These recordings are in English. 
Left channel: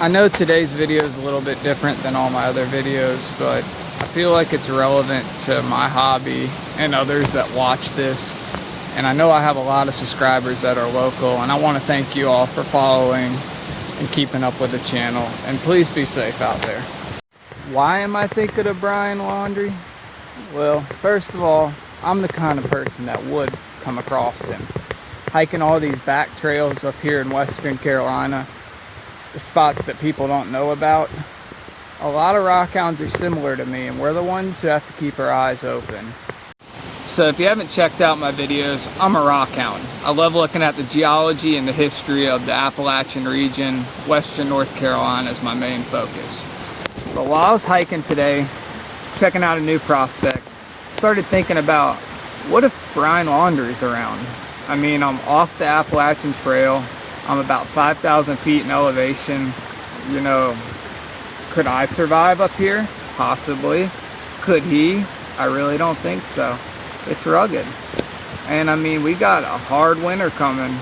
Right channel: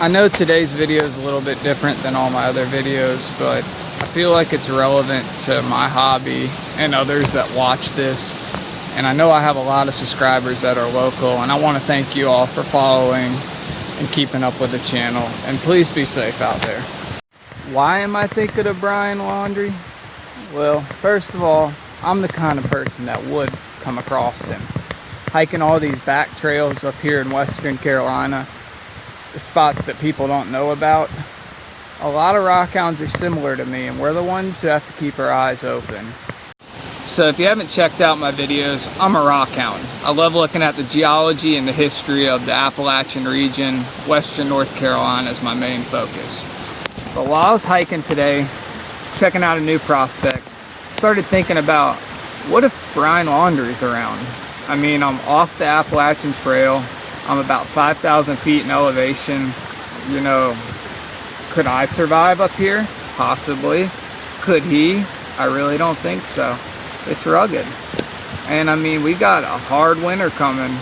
I know today's video is a little bit different than all my other videos, but I feel like it's relevant to my hobby and others that watch this. And I know I have a lot of subscribers that are local, and I want to thank you all for following and keeping up with the channel. And please be safe out there. Why am I thinking of Brian Laundrie? Well, first of all, I'm the kind of person that would come across him. Hiking all these back trails up here in Western Carolina, the spots that people don't know about. A lot of rockhounds are similar to me, and we're the ones who have to keep our eyes open. So if you haven't checked out my videos, I'm a rockhound. I love looking at the geology and the history of the Appalachian region. Western North Carolina is my main focus. But while I was hiking today, checking out a new prospect, started thinking about, what if Brian Laundrie's around? I mean, I'm off the Appalachian Trail. I'm about 5,000 feet in elevation. You know, could I survive up here? Possibly. Could he? I really don't think so. It's rugged. And I mean, we got a hard winter coming.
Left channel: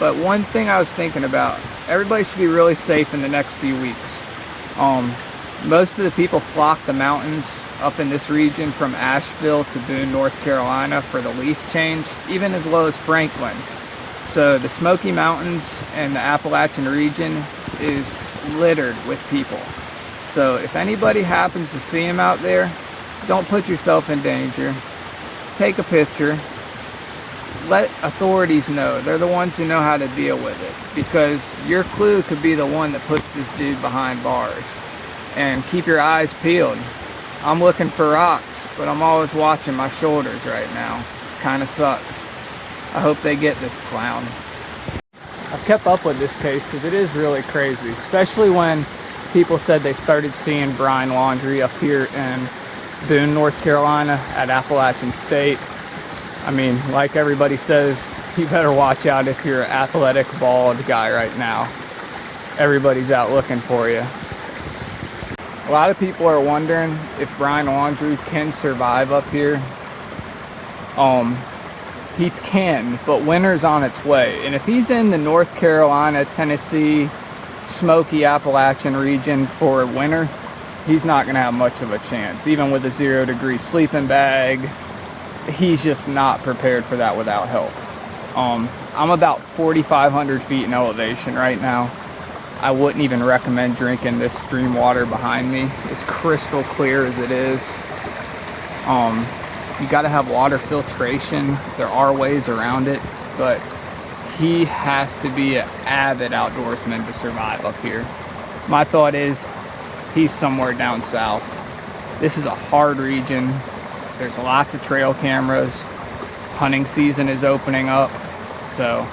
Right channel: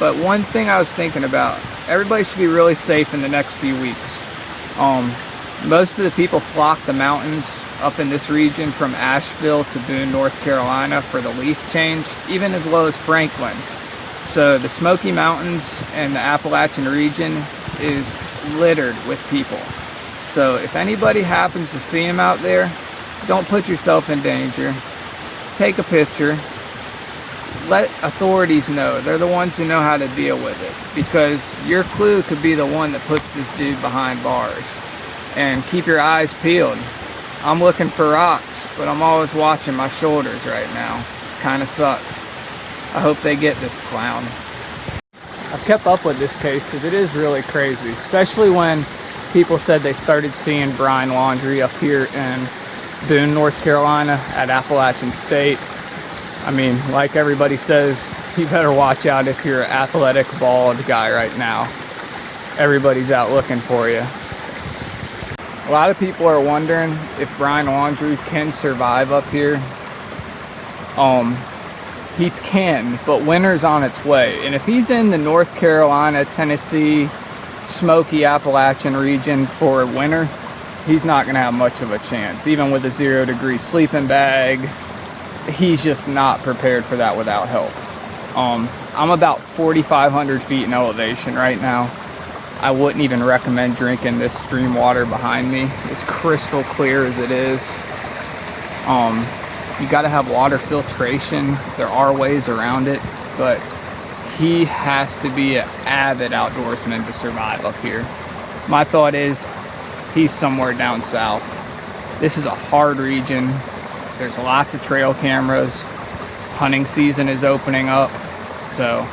But one thing I was thinking about, everybody should be really safe in the next few weeks. Most of the people flock the mountains up in this region from Asheville to Boone, North Carolina for the leaf change, even as low as Franklin. So the Smoky Mountains and the Appalachian region is littered with people. So if anybody happens to see him out there, don't put yourself in danger. Take a picture. Let authorities know. They're the ones who know how to deal with it. Because your clue could be the one that puts this dude behind bars. And keep your eyes peeled. I'm looking for rocks, but I'm always watching my shoulders right now. Kinda sucks. I hope they get this clown. I've kept up with this case because it is really crazy, especially when people said they started seeing Brian Laundrie up here in Boone, North Carolina at Appalachian State. I mean, like everybody says, you better watch out if you're an athletic, bald guy right now. Everybody's out looking for you. A lot of people are wondering if Brian Laundrie can survive up here. He can, but winter's on its way. And if he's in the North Carolina, Tennessee, Smoky Appalachian region for winter, he's not going to have much of a chance. Even with a 0-degree sleeping bag, he's just not prepared for that without help. I'm about 4,500 feet in elevation right now. I wouldn't even recommend drinking this stream water behind me, as crystal clear as it is. You got to have water filtration. There are ways around it, but he has to be an avid outdoorsman to survive up here. My thought is he's somewhere down south. This is a hard region. There's lots of trail cameras. Hunting season is opening up, so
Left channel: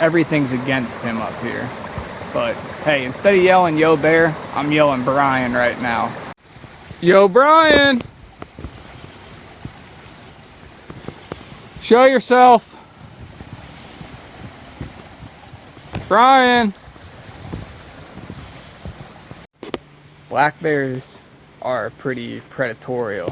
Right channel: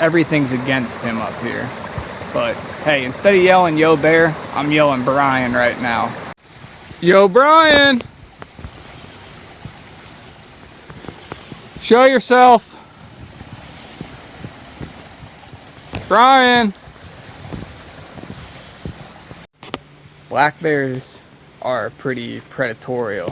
everything's against him up here. But hey, instead of yelling "Yo Bear," I'm yelling Brian right now. Yo Brian! Show yourself! Brian! Black bears are pretty predatory.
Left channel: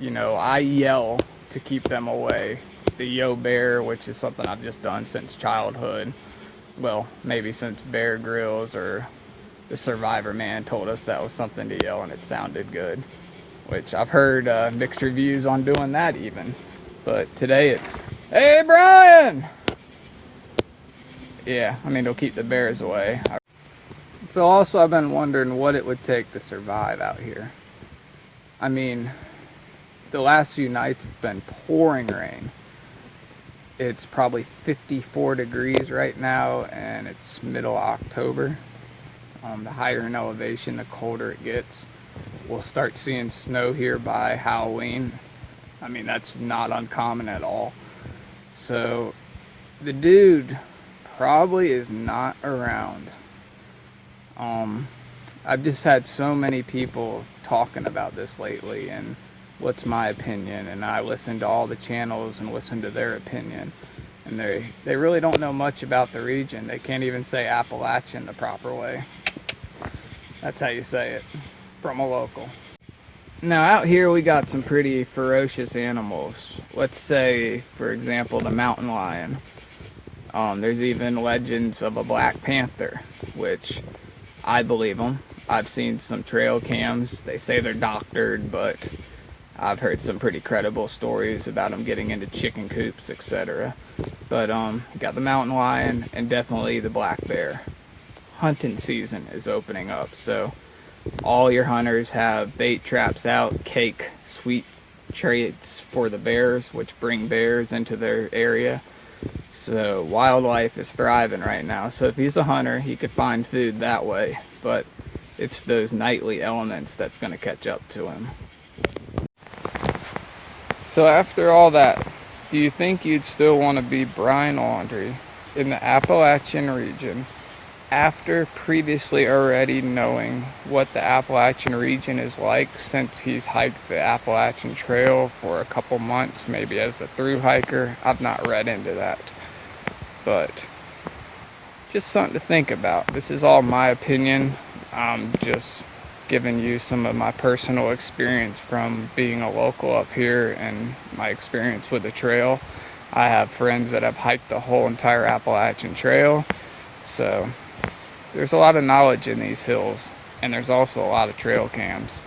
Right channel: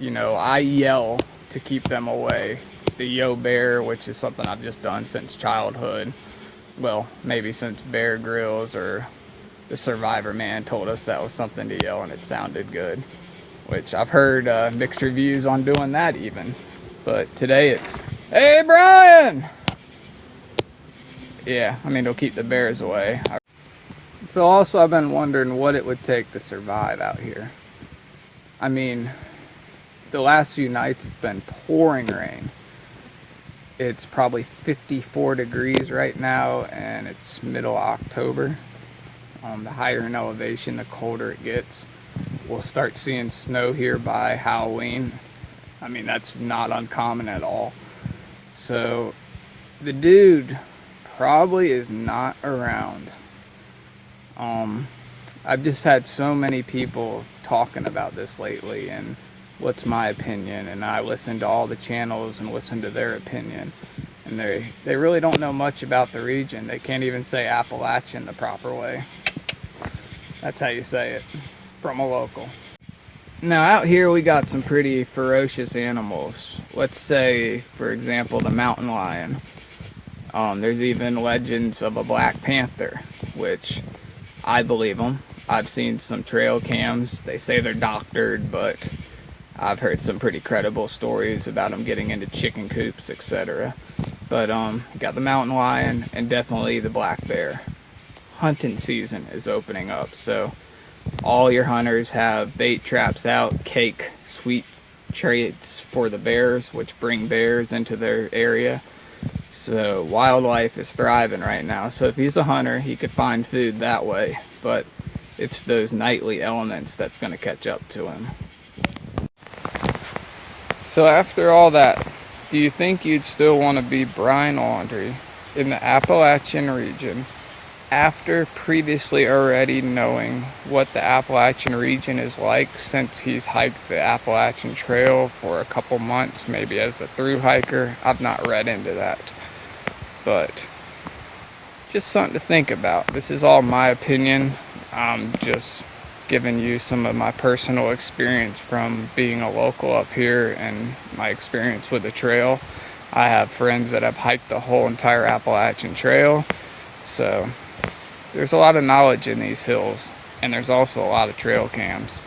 You know, I yell to keep them away. The Yo Bear, which is something I've just done since childhood. Well, maybe since Bear Grylls or the Survivor Man told us that was something to yell and it sounded good. Which I've heard mixed reviews on doing that even. But today it's, "Hey Brian!" Yeah, I mean, it'll keep the bears away. So also I've been wondering what it would take to survive out here. I mean, the last few nights it's been pouring rain. It's probably 54 degrees right now, and it's middle October. The higher in elevation, the colder it gets. We'll start seeing snow here by Halloween. I mean, that's not uncommon at all. So, the dude probably is not around. I've just had so many people talking about this lately, and what's my opinion, and I listen to all the channels and listen to their opinion, and they really don't know much about the region. They can't even say Appalachian the proper way. That's how you say it, from a local. Now out here we got some pretty ferocious animals. Let's say, for example, the mountain lion. There's even legends of a Black Panther, which I believe them. I've seen some trail cams. They say they're doctored, but I've heard some pretty credible stories about them getting into chicken coops, etc. But got the mountain lion and definitely the black bear. Hunting season is opening up, so all your hunters have bait traps out, cake, sweet treats for the bears, which bring bears into their area. So wildlife is thriving right now. So if he's a hunter, he could find food that way, but it's those nightly elements that's going to catch up to him. So after all that, do you think you'd still want to be Brian Laundrie in the Appalachian region after previously already knowing what the Appalachian region is like, since he's hiked the Appalachian Trail for a couple months, maybe as a through hiker? I've not read into that, but just something to think about. This is all my opinion. I'm just giving you some of my personal experience from being a local up here and my experience with the trail. I have friends that have hiked the whole entire Appalachian Trail, so there's a lot of knowledge in these hills, and there's also a lot of trail cams.